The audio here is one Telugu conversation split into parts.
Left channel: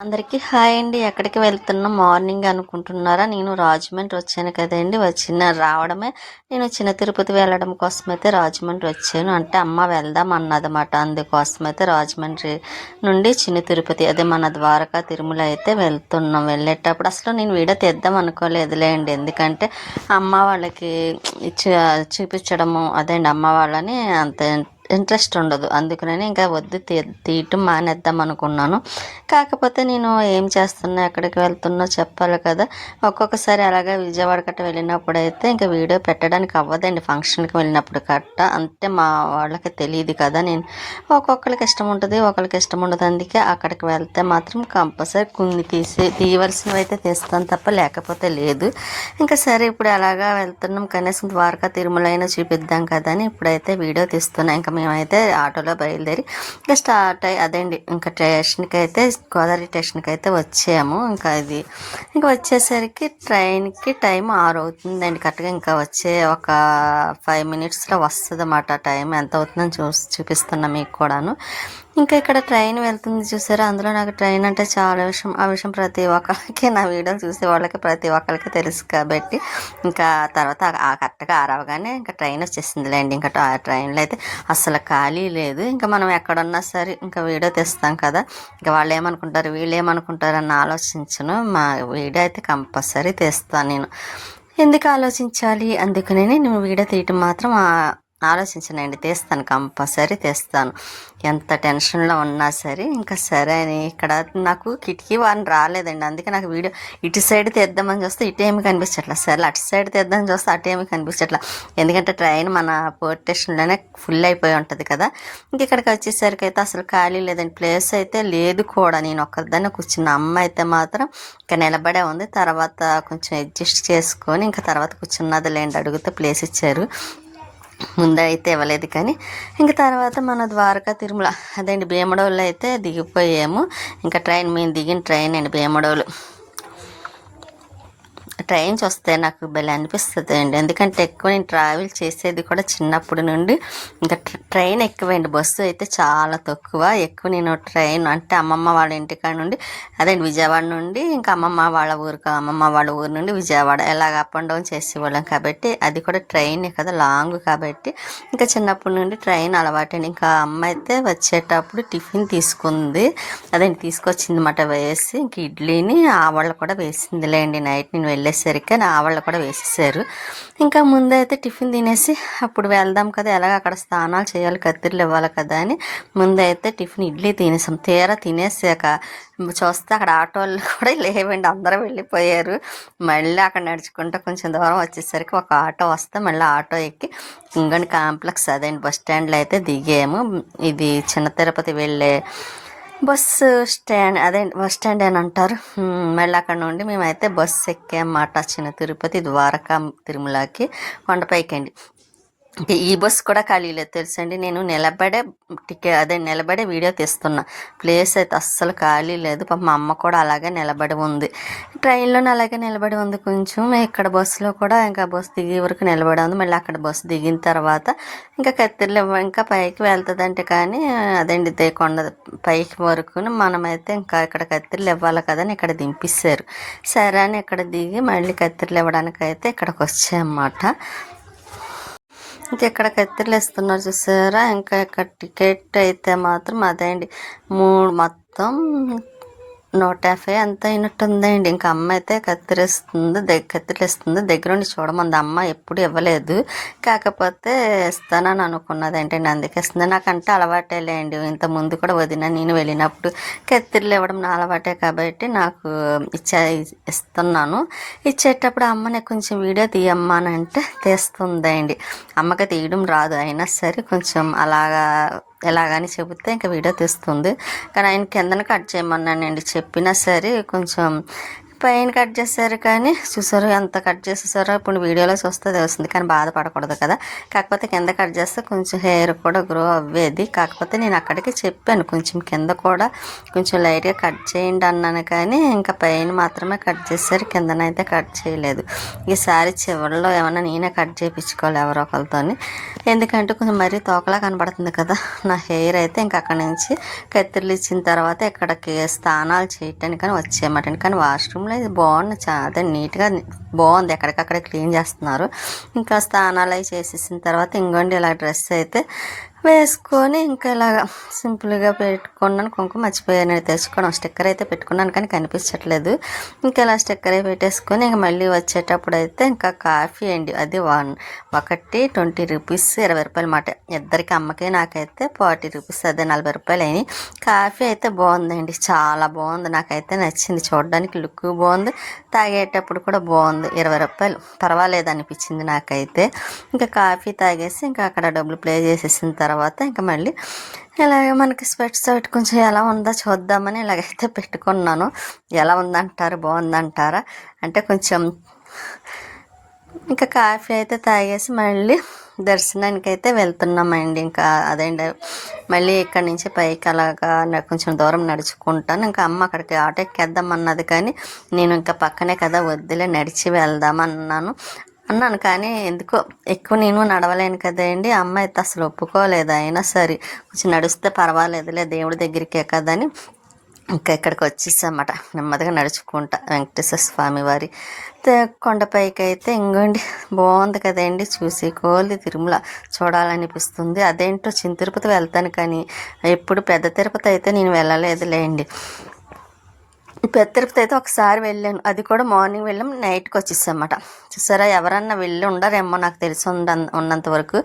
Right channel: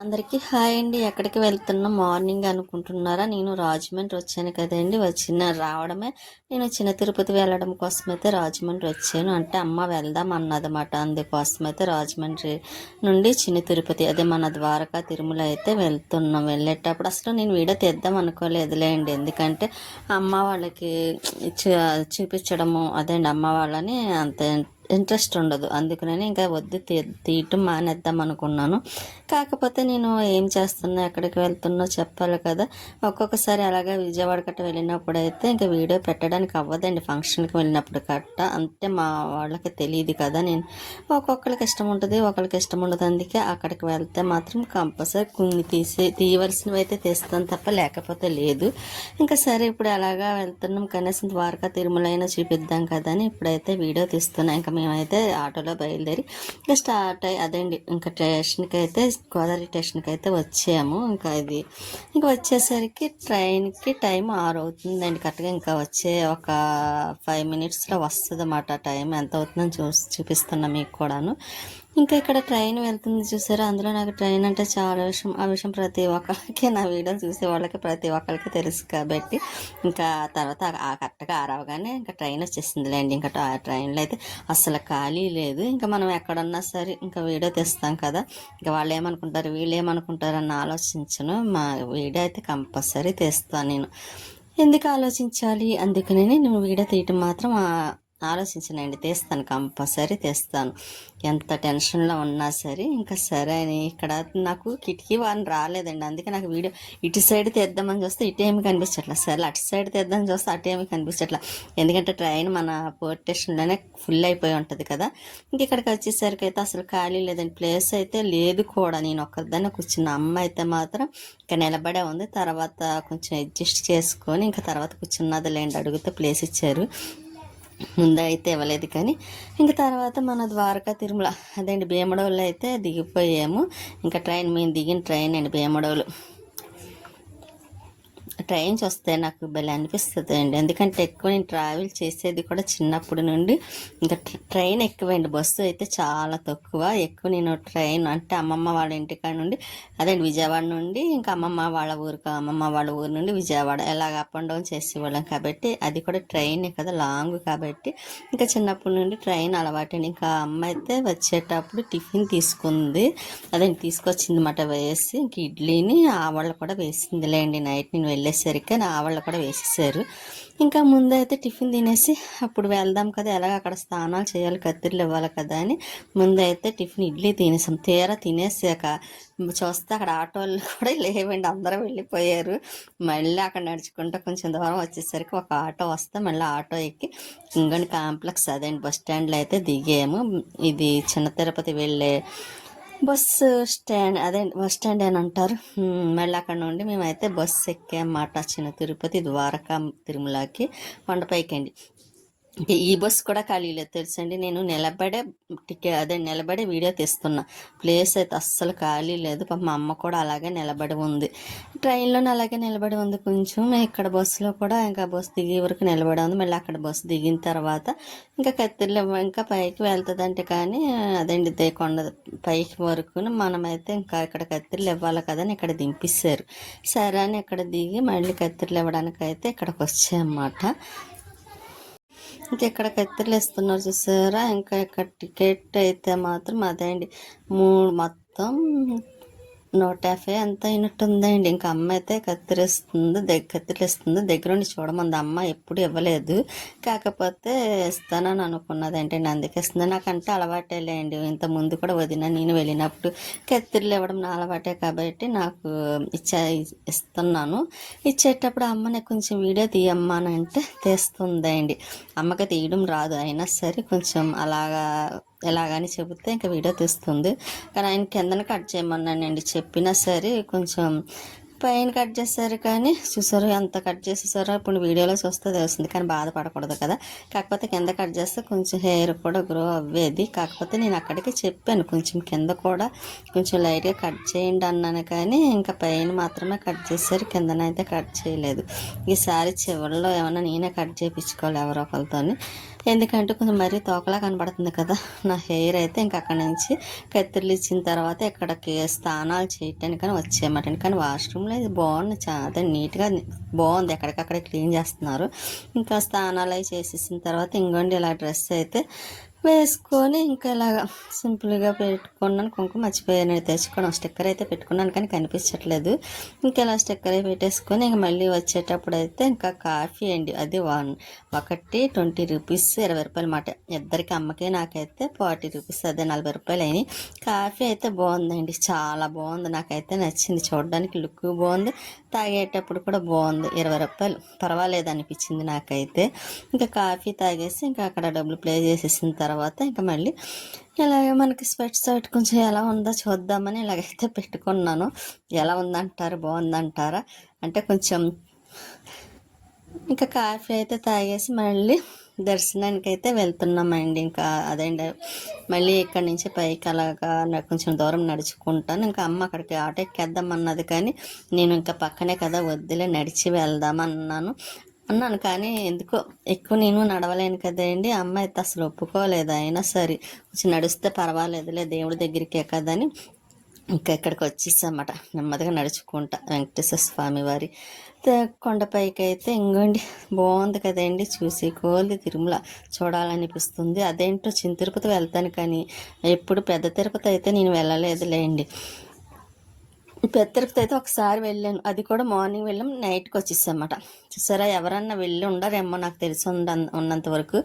అందరికీ హాయ్ అండి. ఎక్కడికి వెళ్తున్నా మార్నింగ్ అనుకుంటున్నారా? నేను రాజమండ్రి వచ్చాను కదండి. రావడమే నేను చిన్న తిరుపతి వెళ్ళడం కోసమైతే రాజమండ్రి వచ్చాను. అంటే అమ్మ వెళ్దాం అన్నదన్నమాట. అందుకోసమైతే రాజమండ్రి నుండి చిన్న తిరుపతి అదే మన ద్వారకా తిరుమల అయితే వెళ్తున్నాం. వెళ్ళేటప్పుడు అసలు నేను వీడియో తీద్దాం అనుకోలేదులేండి. ఎందుకంటే అమ్మ వాళ్ళకి చూపించడము అదేండి అమ్మ వాళ్ళని అంత ఇంట్రెస్ట్ ఉండదు. అందుకనే ఇంకా వద్దు తీయటం మానేద్దాం అనుకున్నాను. కాకపోతే నేను ఏం చేస్తున్నా ఎక్కడికి వెళ్తున్నా చెప్పాలి కదా. ఒక్కొక్కసారి అలాగే విజయవాడ కట్ట వెళ్ళినప్పుడు అయితే ఇంకా వీడియో పెట్టడానికి అవ్వదండి. ఫంక్షన్కి వెళ్ళినప్పుడు కట్ట అంటే మా వాళ్ళకి తెలియదు కదా. నేను ఒక్కొక్కరికి ఇష్టం ఉంటుంది, ఒకరికి ఇష్టం ఉండదు. అందుకే అక్కడికి వెళ్తే మాత్రం కంపల్సరీ కొన్ని తీయవలసినవి అయితే తీస్తాను తప్ప లేకపోతే లేదు. ఇంకా సరే ఇప్పుడు అలాగా వెళ్తున్నాం, కనీసం ద్వారకా తిరుమల అయినా చూపిద్దాం కదా అని ఇప్పుడైతే వీడియో తీస్తున్నాం. ఇంకా మేమైతే ఆటోలో బయలుదేరి ఇంకా స్టార్ట్ అయ్యి అదేండి ఇంకా స్టేషన్కి అయితే గోదావరి స్టేషన్కి అయితే వచ్చాము. ఇంకా వచ్చేసరికి ట్రైన్కి టైం 6 అవుతుందండి కరెక్ట్గా. ఇంకా వచ్చే ఒక 5 మినిట్స్లో వస్తుంది అన్నమాట. టైం ఎంత అవుతుందని చూపిస్తున్నా మీకు కూడాను. ఇంకా ఇక్కడ ట్రైన్ వెళ్తుంది చూసారా. అందులో నాకు ట్రైన్ అంటే చాలా ఇష్టం. ఆ విషయం ప్రతి ఒక్కరికి నా వీడియోలు చూసే వాళ్ళకి ప్రతి ఒక్కరికి తెలుసు కాబట్టి ఇంకా తర్వాత కరెక్ట్గా ఆరవగానే ఇంకా ట్రైన్ వచ్చేసిందిలేండి. ఇంకా ఆ ట్రైన్లో అయితే అసలు ఖాళీ లేదు. ఇంకా మనం ఎక్కడున్నా సరే ఇంకా వీడియో తీస్తాం కదా. ఇంకా వాళ్ళు ఏమనుకుంటారు వీళ్ళు ఏమనుకుంటారు అని ఆలోచించను. మా వీడియో అయితే కంపల్సరీ తీస్తాను నేను. ఎందుకు ఆలోచించాలి? అందుకనే నేను వీడియో తీయటం మాత్రం ఆలోచించనండి. తీస్తాను, కంపల్సరీ తీస్తాను. ఎంత టెన్షన్లో ఉన్నా సరే. ఇంకా సరే అని ఇక్కడ నాకు కిటికీ వారిని రాలేదండి. అందుకే నాకు వీడియో ఇటు సైడ్ తీద్దామని చూస్తే ఇటు ఏమి కనిపించట్లా. సరే అటు సైడ్ తీద్దామని చూస్తే అటు ఏమి కనిపించట్లా. ఎందుకంటే ట్రైన్ మన పోర్ట్ స్టేషన్లోనే ఫుల్ అయిపోయి ఉంటుంది కదా. ఇంక ఇక్కడికి వచ్చేసరికి అయితే అసలు ఖాళీ లేదండి. ప్లేస్ అయితే లేదు కూడా. నేను ఒక్కదాన్ని కూర్చున్న. అమ్మ అయితే మాత్రం ఇంకా నిలబడే ఉంది. తర్వాత కొంచెం అడ్జస్ట్ చేసుకొని ఇంకా తర్వాత కూర్చున్నది లేండి. అడిగితే ప్లేస్ ఇచ్చారు. ముందైతే ఇవ్వలేదు కానీ ఇంకా తర్వాత మన ద్వారకా తిరుమల అదేంటి భీమడోళ్ళు అయితే దిగిపోయాము. ఇంకా మేము దిగిన ట్రైన్ అండి భీమడోలు. ట్రైన్స్ వస్తే నాకు భలే అనిపిస్తుంది అండి. ఎందుకంటే ఎక్కువ నేను ట్రావెల్ చేసేది కూడా చిన్నప్పటి నుండి ఇంకా ట్రైన్ ఎక్కువండి. బస్సు అయితే చాలా తక్కువ. ఎక్కువ నేను ట్రైన్ అంటే అమ్మమ్మ వాళ్ళ ఇంటికాడ నుండి అదే విజయవాడ నుండి ఇంకా అమ్మమ్మ వాళ్ళ ఊరు నుండి విజయవాడ ఎలాగ అప్ అండ్ డౌన్ చేసేవాళ్ళం కాబట్టి అది కూడా ట్రైన్ కదా, లాంగ్ కాబట్టి ఇంకా చిన్నప్పటి నుండి ట్రైన్ అలవాటండి. ఇంకా అమ్మ అయితే వచ్చేటప్పుడు టిఫిన్ తీసుకుంది. తీసుకొచ్చింది అన్నమాట వేసి. ఇంక ఇడ్లీని ఆవాళ్ళు కూడా వేసిందిలేండి. నైట్ నేను వెళ్ళేసరికి ఆవాళ్ళు కూడా వేసేసారు. ఇంకా ముందైతే టిఫిన్ తినేసి అప్పుడు వెళ్దాం కదా, ఎలాగ అక్కడ స్నానాలు చేయాలి, కత్తిర్లు ఇవ్వాలి కదా అని ముందైతే టిఫిన్ ఇడ్లీ తినేసాం. తీరా తినేసాక చూస్తే అక్కడ ఆటోలు కూడా లేవండి, అందరూ వెళ్ళిపోయారు. మళ్ళీ అక్కడ నడుచుకుంటూ కొంచెం దూరం వచ్చేసరికి ఒక ఆటో వస్తే మళ్ళీ ఆటో ఎక్కి ఇంగండి కాంప్లెక్స్ అదేంటి బస్ స్టాండ్లో అయితే దిగాము. ఇది చిన్న తిరుపతి వెళ్ళే బస్సు స్టాండ్ బస్ స్టాండ్ అని అంటారు. మళ్ళీ అక్కడ నుండి మేమైతే బస్సు ఎక్కామన్నమాట. చిన్న తిరుపతి ద్వారకా తిరుమలకి కొండపైకి అండి. ఈ బస్సు కూడా ఖాళీ లేదు తెలుసండి. నేను నిలబడే వీడియో తీస్తున్నా. ప్లేస్ అయితే అస్సలు ఖాళీ లేదు. మా అమ్మ కూడా అలాగే నిలబడి ఉంది. ట్రైన్లోనే అలాగే నిలబడి ఉంది. కొంచెం ఇక్కడ బస్సులో కూడా ఇంకా బస్సు దిగే వరకు నిలబడి ఉంది. మళ్ళీ అక్కడ బస్సు దిగిన తర్వాత ఇంకా కత్తిర్లు ఇంకా పైకి వెళ్తుందంటే కానీ కొండ పైకి వరకు మనమైతే ఇంకా ఇక్కడ కత్తిర్లు ఇవ్వాలి కదని ఇక్కడ దింపిస్తారు. సరే అని ఇక్కడ దిగి మళ్ళీ కత్తిర్లు ఇవ్వడానికి అయితే ఇక్కడికి వచ్చాయన్నమాట. ఇంకెక్కడ కత్తిర్లు ఇస్తున్నారు చూసారా. ఇంకా ఇక్కడ టికెట్ అయితే మాత్రం మొత్తం 150 ఎంత అయినట్టుందండి. ఇంకా అమ్మ అయితే కత్తిరిలు ఇస్తుంది. దగ్గర ఉండి చూడమంది. అమ్మ ఎప్పుడు ఇవ్వలేదు, కాకపోతే ఇస్తానని అనుకున్నది ఏంటండి, అందుకే ఇస్తుంది. నాకంటే అలవాటే లేండి. ఇంత ముందు కూడా వదిన నేను వెళ్ళినప్పుడు కత్తిర్లు ఇవ్వడం నా అలవాటే కాబట్టి నాకు ఇస్తున్నాను. ఇచ్చేటప్పుడు అమ్మని కొంచెం వీడియో తీయమ్మా అని అంటే తీస్తుందండి. అమ్మకి తీయడం రాదు, అయినా సరే కొంచెం ఎలాగని చెబితే ఇంకా వీడియో తీస్తుంది. కానీ ఆయన కిందన కట్ చేయమన్నానండి. చెప్పినా సరే కొంచెం పైన కట్ చేశారు కానీ చూసారు ఎంత కట్ చేసేసారో. ఇప్పుడు వీడియోలో చూస్తే తెలుస్తుంది కానీ బాధపడకూడదు కదా. కాకపోతే కింద కట్ చేస్తే కొంచెం హెయిర్ కూడా గ్రో అవ్వేది. కాకపోతే నేను అక్కడికి చెప్పాను కొంచెం కింద కూడా కొంచెం లైట్గా కట్ చేయండి అన్నాను, కానీ ఇంకా పైన మాత్రమే కట్ చేశారు, కిందనైతే కట్ చేయలేదు. ఈసారి చివరిలో ఏమన్నా నేనే కట్ చేయించుకోవాలి ఎవరో ఒకరితోని, ఎందుకంటే కొంచెం మరీ తోకలా కనబడుతుంది కదా నా హెయిర్ అయితే. ఇంకా అక్కడి నుంచి కత్తిర్లు ఇచ్చిన తర్వాత ఇక్కడికి స్నానాలు చేయటానికి వచ్చేయమాట. కానీ వాష్రూమ్లో ఇది బాగుంది, చాలా నీట్గా బాగుంది, ఎక్కడికక్కడ క్లీన్ చేస్తున్నారు. ఇంకా స్నానాలు అవి చేసేసిన తర్వాత ఇంకోండి ఇలా డ్రెస్ అయితే వేసుకొని ఇంకా ఇలాగ సింపుల్గా పెట్టుకున్నాను. కుంకుమ మర్చిపోయాను తెచ్చుకోవడం, స్టిక్కర్ అయితే పెట్టుకున్నాను కానీ కనిపించట్లేదు. ఇంకా ఇలా స్టిక్కర్ అయి పెట్టేసుకొని ఇంకా మళ్ళీ వచ్చేటప్పుడు అయితే ఇంకా కాఫీ అండి, అది ఒకటి 20 రూపీస్, 20 రూపాయలు మాట. ఇద్దరికి అమ్మకి నాకైతే 40 రూపీస్, అదే 40 రూపాయలు అయినాయి. కాఫీ అయితే బాగుందండి, చాలా బాగుంది, నాకైతే నచ్చింది. చూడడానికి లుక్ బాగుంది, తాగేటప్పుడు కూడా బాగుంది. 20 రూపాయలు పర్వాలేదు అనిపించింది నాకైతే. ఇంకా కాఫీ తాగేసి ఇంకా అక్కడ డబ్బులు ప్లే చేసేసిన తర్వాత ఇంకా మళ్ళీ ఇలాగ మనకి స్వెట్స్ ఒకటి కొంచెం ఎలా ఉందో చూద్దామని ఇలాగైతే పెట్టుకున్నాను. ఎలా ఉందంటారు, బాగుందంటారా అంటే కొంచెం. ఇంకా కాఫీ అయితే తాగేసి మళ్ళీ దర్శనానికి అయితే వెళ్తున్నామండి. ఇంకా అదేంటి మళ్ళీ ఇక్కడి నుంచి పైకి అలాగా కొంచెం దూరం నడుచుకుంటాను. ఇంకా అమ్మ అక్కడికి ఆటో ఎక్కేద్దాం అన్నది, కానీ నేను ఇంకా పక్కనే కదా వద్దులే నడిచి వెళ్దామన్నాను కానీ ఎందుకో ఎక్కువ నేను నడవలేను కదండి. అమ్మ అయితే అసలు ఒప్పుకోలేదు. అయినా సరే కొంచెం నడిస్తే పర్వాలేదులే దేవుడి దగ్గరికే కదని ఇంకా ఇక్కడికి వచ్చేసామట నెమ్మదిగా నడుచుకుంటా. వెంకటేశ్వర స్వామి వారి కొండపైకి అయితే ఇంకోండి బాగుంది కదండి, చూసి కోల్ది తిరుమల చూడాలనిపిస్తుంది. అదేంటో చిన్న తిరుపతి వెళ్తాను కానీ ఎప్పుడు పెద్ద తిరుపతి అయితే నేను వెళ్ళలేదులేండి. పెద్ద తిరుపతి అయితే ఒకసారి వెళ్ళాను, అది కూడా మార్నింగ్ వెళ్ళాం, నైట్కి వచ్చేసామట. చూసారా, ఎవరన్నా వెళ్ళి ఉండరేమో, నాకు తెలిసి ఉన్నంత వరకు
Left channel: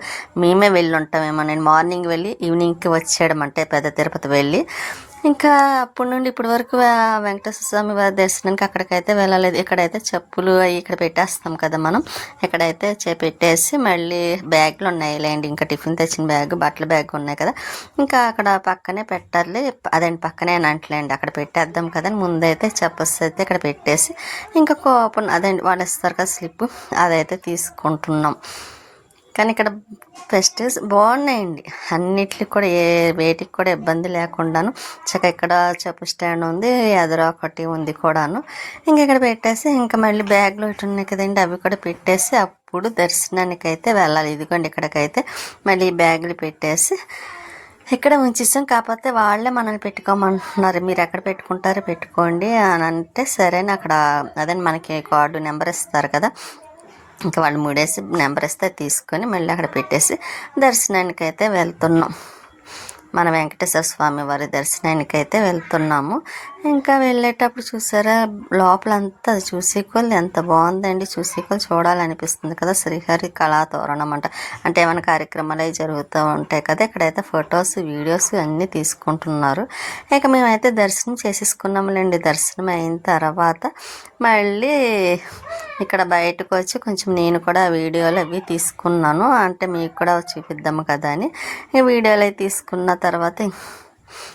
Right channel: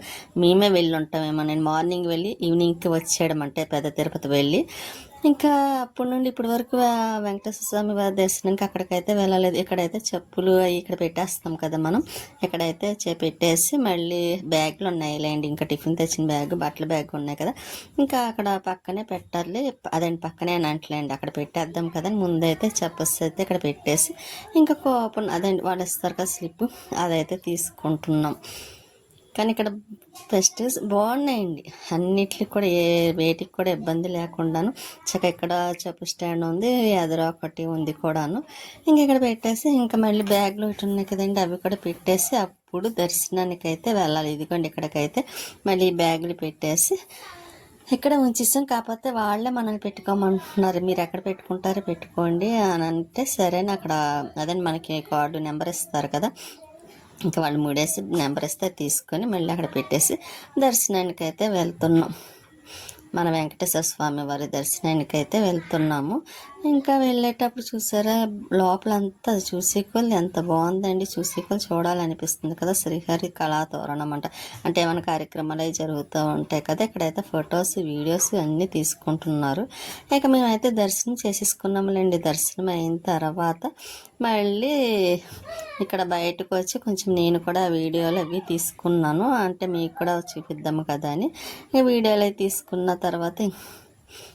మేమే వెళ్ళి ఉంటామేమో. నేను మార్నింగ్ వెళ్ళి ఈవినింగ్కి వచ్చేయడమంటే పెద్ద తిరుపతి వెళ్ళి. ఇంకా అప్పటి నుండి ఇప్పటి వరకు వెంకటేశ్వర స్వామి వారి దర్శనానికి అక్కడికైతే వెళ్ళలేదు. ఇక్కడైతే చెప్పులు అవి ఇక్కడ పెట్టేస్తాం కదా మనం, ఇక్కడైతే పెట్టేసి మళ్ళీ బ్యాగ్లు ఉన్నాయిలేండి, ఇంకా టిఫిన్ తెచ్చిన బ్యాగ్, బట్టల బ్యాగ్ ఉన్నాయి కదా, ఇంకా అక్కడ పక్కనే పెట్టాలి. అదండి పక్కనే అంటలేండి, అక్కడ పెట్టేద్దాం కదా. ముందైతే చెప్పస్ అయితే ఇక్కడ పెట్టేసి ఇంకా కూపన్ అదండి వాళ్ళు ఇస్తారు కదా స్లిప్, అదైతే తీసుకుంటున్నాం. కానీ ఇక్కడ ఫెస్టివల్స్ బాగున్నాయండి, అన్నిటికి కూడా ఏ వేటికి కూడా ఇబ్బంది లేకుండాను. చక్కగా ఇక్కడ చెప్పు స్టాండ్ ఉంది, ఎదురు ఒకటి ఉంది కూడాను. ఇంకా ఇక్కడ పెట్టేసి ఇంకా మళ్ళీ బ్యాగ్లు ఇటు ఉన్నాయి కదండి, అవి కూడా పెట్టేసి అప్పుడు దర్శనానికి అయితే వెళ్ళాలి. ఇదిగోండి ఇక్కడికైతే మళ్ళీ బ్యాగులు పెట్టేసి ఇక్కడ ఉంచేసాం. కాకపోతే వాళ్ళే మనల్ని పెట్టుకోమంటున్నారు, మీరు ఎక్కడ పెట్టుకుంటారో పెట్టుకోండి అని అంటే సరేనా. అక్కడ అదే మనకి కార్డు నెంబర్ ఇస్తారు కదా, ఇంకా వాళ్ళు 3 వేసి నెంబర్ ఇస్తే తీసుకొని మళ్ళీ అక్కడ పెట్టేసి దర్శనానికి అయితే వెళ్తున్నాం. మన వెంకటేశ్వర స్వామి వారి దర్శనానికి అయితే వెళ్తున్నాము. ఇంకా వెళ్ళేటప్పుడు చూసారా లోపలంతా అది చూసేకొల్లు ఎంత బాగుందండి, చూసేకొల్లు చూడాలనిపిస్తుంది కదా. శ్రీహరి కళాతోరణం అంటే ఏమైనా కార్యక్రమాలు అవి జరుగుతూ ఉంటాయి కదా, ఇక్కడైతే ఫొటోస్ వీడియోస్ అన్నీ తీసుకుంటున్నారు. ఇక మేమైతే దర్శనం చేసేసుకున్నాములేండి. దర్శనం అయిన తర్వాత మళ్ళీ ఇక్కడ బయటకు వచ్చి కొంచెం నేను కూడా వీడియోలు అవి తీసుకున్నాను, అంటే మీకు కూడా చూపిద్దాము కదా అని. వీడియోలు అవి తీసుకున్న తర్వాత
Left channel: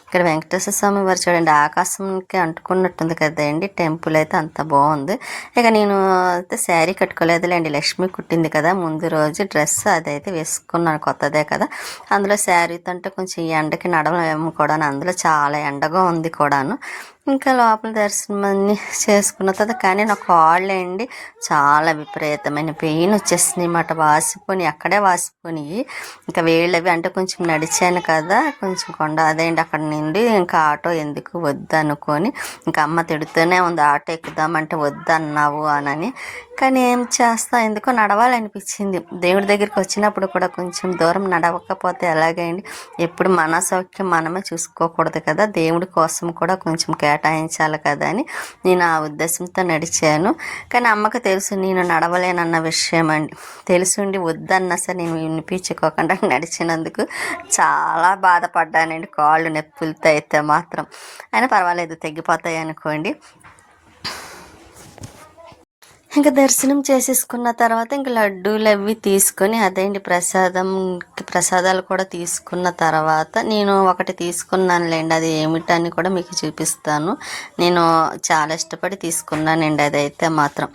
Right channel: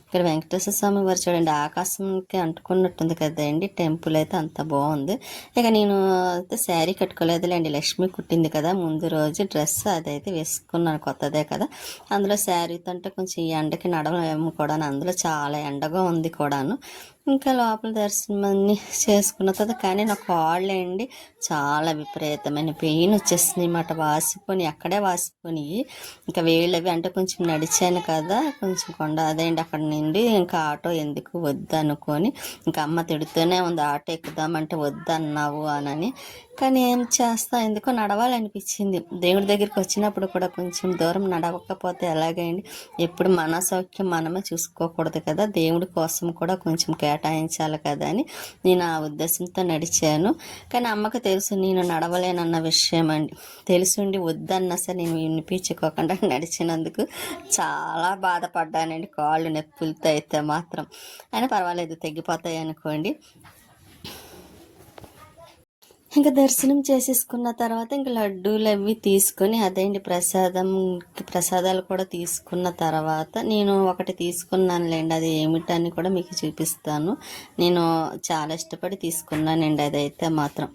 ఇక్కడ వెంకటేశ్వర స్వామి వారు చూడండి ఆకాశంకి అంటుకున్నట్టుంది కదండి, టెంపుల్ అయితే అంత బాగుంది. ఇక నేను అయితే శారీ కట్టుకోలేదులేండి, లక్ష్మి కుట్టింది కదా ముందు రోజు డ్రెస్, అదైతే వేసుకున్నాను కొత్తదే కదా. అందులో శారీతో అంటే కొంచెం ఈ ఎండకి నడవలేము కూడా, అందులో చాలా ఎండగా ఉంది కూడాను. ఇంకా లోపల దర్శనం అన్నీ చేసుకున్న తర్వాత కానీ నా కాళ్ళు అండి చాలా విపరీతమైన పెయిన్ వచ్చేసినాయి అన్నమాట, వాసిపోయి అక్కడే వాసిపోయి. ఇంకా వేళ్ళవి అంటే కొంచెం నడిచాను కదా కొంచెం కొండ అదేంటి అక్కడ నుండి ఇంకా ఆటో ఎందుకు వద్దు అనుకొని ఇంకా అమ్మ తిడుతూనే ఉంది, ఆటో ఎక్కుదామంటే వద్దు అన్నావు అని. కానీ ఏం చేస్తా, ఎందుకో నడవాలనిపించింది. దేవుడి దగ్గరికి వచ్చినప్పుడు కూడా కొంచెం దూరం నడవకపోతే ఎలాగైంది, ఎప్పుడు మన సౌఖ్యం మనమే చూసుకోకూడదు కదా, దేవుడి కోసం కూడా కొంచెం కేటాయించాలి కదా అని నేను ఆ ఉద్దేశంతో నడిచాను. కానీ అమ్మకు తెలుసు నేను నడవలేనన్న విషయం అండి, తెలుసుండి వద్దన్నా సరే నేను వినిపించుకోకుండా నడిచినందుకు చాలా బాధపడ్డానండి, కాళ్ళు నొప్పులతో అయితే మాత్రం. అయినా పర్వాలేదు తగ్గిపోతాయి అనుకోండి. ఇంకా దర్శనం చేసేసుకున్న తర్వాత ఇంకా లడ్డూలు అవి తీసుకొని అదేంటి ప్రసాదాలు కూడా తీసుకున్న తర్వాత నేను ఒకటి తీసుకున్నానులేండి. అది ఏమిటని కూడా మీకు చూపిస్తాను. నేను చాలా ఇష్టపడి తీసుకున్నానండి అదైతే మాత్రం.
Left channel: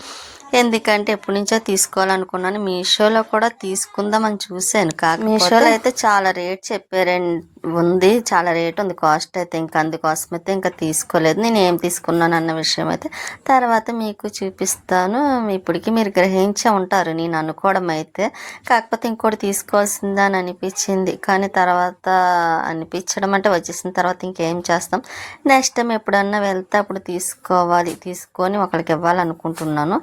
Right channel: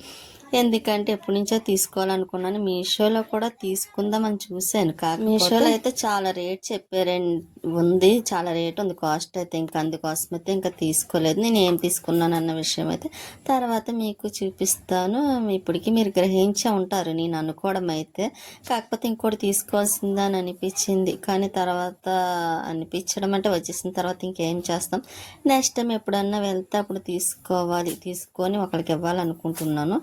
ఎందుకంటే ఎప్పటి నుంచో తీసుకోవాలనుకున్నాను. మీషోలో కూడా తీసుకుందామని చూశాను. మీషోలో అయితే చాలా రేట్ చెప్పారండి, ఉంది చాలా రేట్ ఉంది కాస్ట్ అయితే. ఇంకా అందుకోసం అయితే ఇంకా తీసుకోలేదు. నేను ఏం తీసుకున్నాను అన్న విషయం అయితే తర్వాత మీకు చూపిస్తాను. ఇప్పటికీ మీరు గ్రహించే ఉంటారు నేను అనుకోవడం అయితే. కాకపోతే ఇంకోటి తీసుకోవాల్సిందా అని అనిపించింది, కానీ తర్వాత అనిపించడం అంటే వచ్చేసిన తర్వాత ఇంకేం చేస్తాం. నెక్స్ట్ టైం ఎప్పుడన్నా వెళ్తే అప్పుడు తీసుకొని ఒకరికి ఇవ్వాలనుకుంటున్నాను.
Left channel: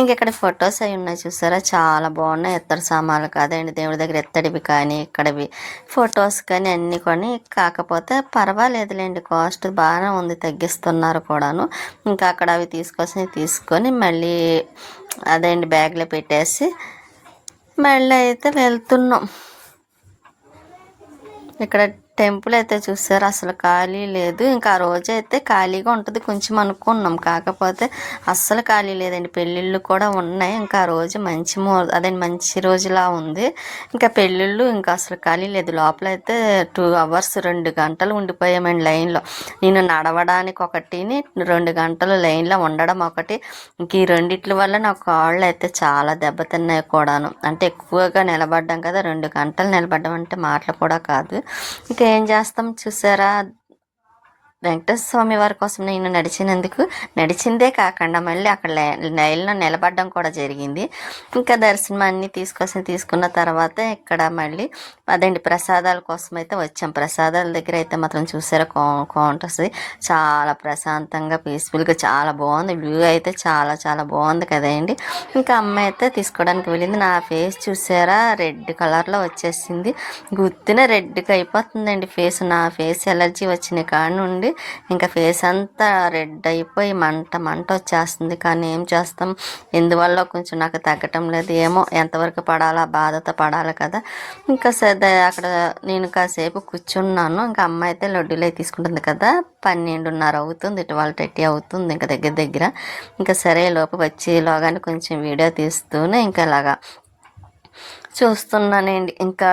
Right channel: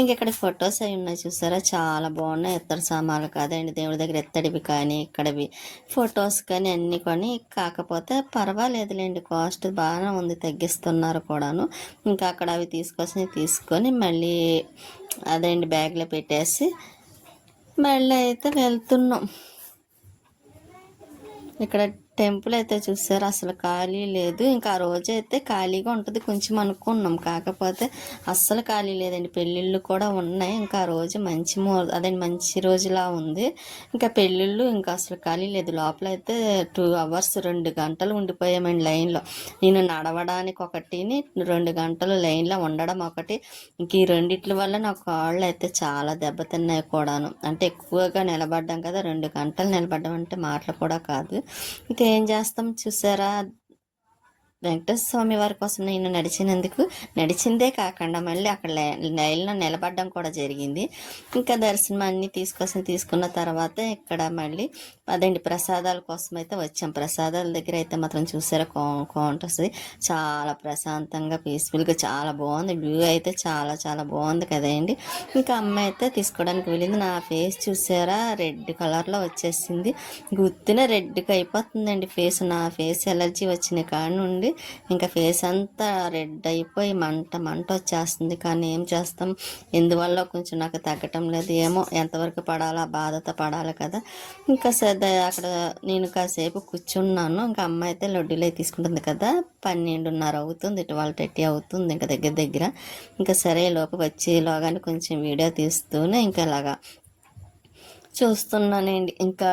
ఇంకెక్కడ ఫొటోస్ అవి ఉన్నాయి చూసారా, చాలా బాగున్నాయి. ఎత్తడి సామాన్లు కాదండి, దేవుడి దగ్గర ఎత్తడివి కానీ ఇక్కడవి ఫొటోస్ కానీ అన్నీ కొని. కాకపోతే పర్వాలేదులేండి, కాస్ట్ బాగానే ఉంది, తగ్గిస్తున్నారు కూడాను. ఇంకా అక్కడ అవి తీసుకొని మళ్ళీ అదేంటి బ్యాగ్లో పెట్టేసి మళ్ళీ అయితే వెళ్తున్నాం. ఇక్కడ టెంపుల్ అయితే చూసారు, అసలు ఖాళీ లేదు. ఇంకా ఆ రోజు అయితే ఖాళీగా ఉంటుంది కొంచెం అనుకున్నాం, కాకపోతే అస్సలు ఖాళీ లేదండి. పెళ్ళిళ్ళు కూడా ఉన్నాయి. ఇంకా ఆ రోజు మంచి రోజులా ఉంది. ఇంకా పెళ్ళిళ్ళు ఇంకా అసలు ఖాళీ లేదు. లోపల అయితే 2 hours 2 గంటలు ఉండిపోయామండి లైన్లో. నేను నడవడానికి ఒకటిని 2 గంటలు లైన్లో ఉండడం ఒకటి. ఇంక ఈ రెండిట్ల వల్ల నా కాళ్ళు అయితే చాలా దెబ్బతిన్నాయి కూడాను. అంటే ఎక్కువగా నిలబడ్డాం కదా, 2 గంటలు నిలబడ్డం అంటే మాటలు కూడా కాదు. ఇంకా ఏం చేస్తాం చూసారా, వెంకటేశ్వర స్వామి వారి కోసం నేను నడిచిందే కాకుండా మళ్ళీ అక్కడ లైన్లో నిలబడడం కూడా జరిగింది. ఇంకా దర్శనం అన్నీ తీసుకున్న తర్వాత ఇక్కడ మళ్ళీ అదేంటి ప్రసాదాల కోసం అయితే వచ్చాం. ప్రసాదాల దగ్గర అయితే మాత్రం చూసారా కౌంటర్స్ చాలా ప్రశాంతంగా పీస్ఫుల్గా చాలా బాగుంది. వ్యూ అయితే చాలా చాలా బాగుంది కదండి. ఇంకా అమ్మాయి అయితే తీసుకోవడానికి వెళ్ళింది. నా ఫేస్ చూసారా రెడ్ కలర్లో వచ్చేసింది, గుర్తున రెడ్గా అయిపోతుందండి ఫేస్. నా ఫేస్ ఎలర్జీ వచ్చిన కాడ నుండి ఇంకా ఫేస్ అంతా రెడ్ అయిపోయి మంట వచ్చేస్తుంది. కానీ ఏం చేస్తాం, ఎందువల్ల కొంచెం నాకు తగ్గటం లేదు. ఏమో ఎంతవరకు పడాలా, బాధతో పడాలి కదా. ఇంకా అక్కడ నేను కాసేపు కూర్చున్నాను. ఇంకా అమ్మాయి అయితే లడ్డూలు అయితే తీసుకుంటుంది కదా, 12:30 అవుతుంది, 12:30 అవుతుంది ఇంకా దగ్గర. ఇంకా సరే లోపు వచ్చేలోగానే కొంచెం వీడియో తీస్తూనే ఇంకా ఇలాగా చూస్తున్నానండి. ఇంకా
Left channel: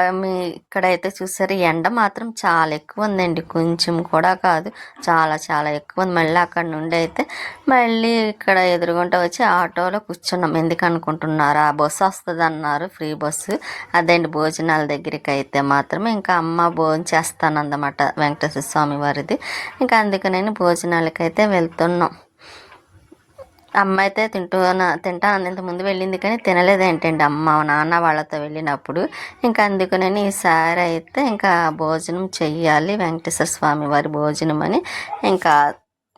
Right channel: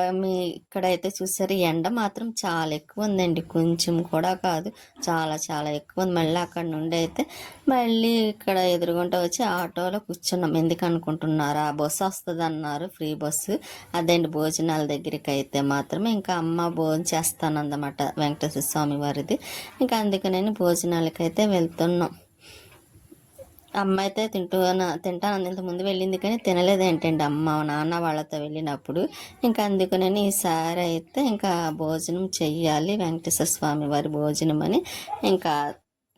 ఇక్కడైతే చూసారు ఎండ మాత్రం చాలా ఎక్కువ ఉందండి, కొంచెం కూడా కాదు, చాలా చాలా ఎక్కువ ఉంది. మళ్ళీ అక్కడ నుండి అయితే మళ్ళీ ఇక్కడ ఎదురుగుంట వచ్చి ఆటోలో కూర్చున్నాం. ఎందుకు అనుకుంటున్నారా, బస్సు వస్తుంది అన్నారు, ఫ్రీ బస్సు. అదేంటి భోజనాల దగ్గరికి అయితే మాత్రమే. ఇంకా అమ్మ భోజనం చేస్తానన్నమాట వెంకటేశ్వర స్వామి వారిది. ఇంకా అందుకని భోజనాలకైతే వెళ్తున్నాం. అమ్మ అయితే తింటాను ఇంతకుముందు వెళ్ళింది కానీ తినలేదేంటండి అమ్మ నాన్న వాళ్ళతో వెళ్ళినప్పుడు. ఇంకా అందుకని ఈసారి అయితే ఇంకా భోజనం చెయ్యాలి, వెంకటేశ్వర స్వామి వారి భోజనం అని ఇంకా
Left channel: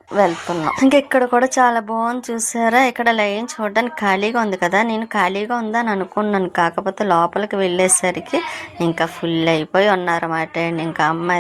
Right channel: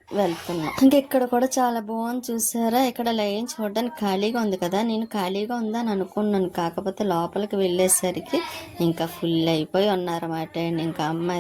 వెళ్తున్నాం. ఇంకా ఇక్కడ కూడా చాలా బాగుంది చూసారా. ఇక్కడ లైన్ చూడడానికి ఖాళీగా ఉంది కదా, నేను ఖాళీగా ఉందని అనుకున్నాను. కాకపోతే లోపలికి వెళ్ళేసరికి ఇంకా ఫుల్ అయిపోయి ఉన్నారన్నమాట. ఇంకా అమ్మ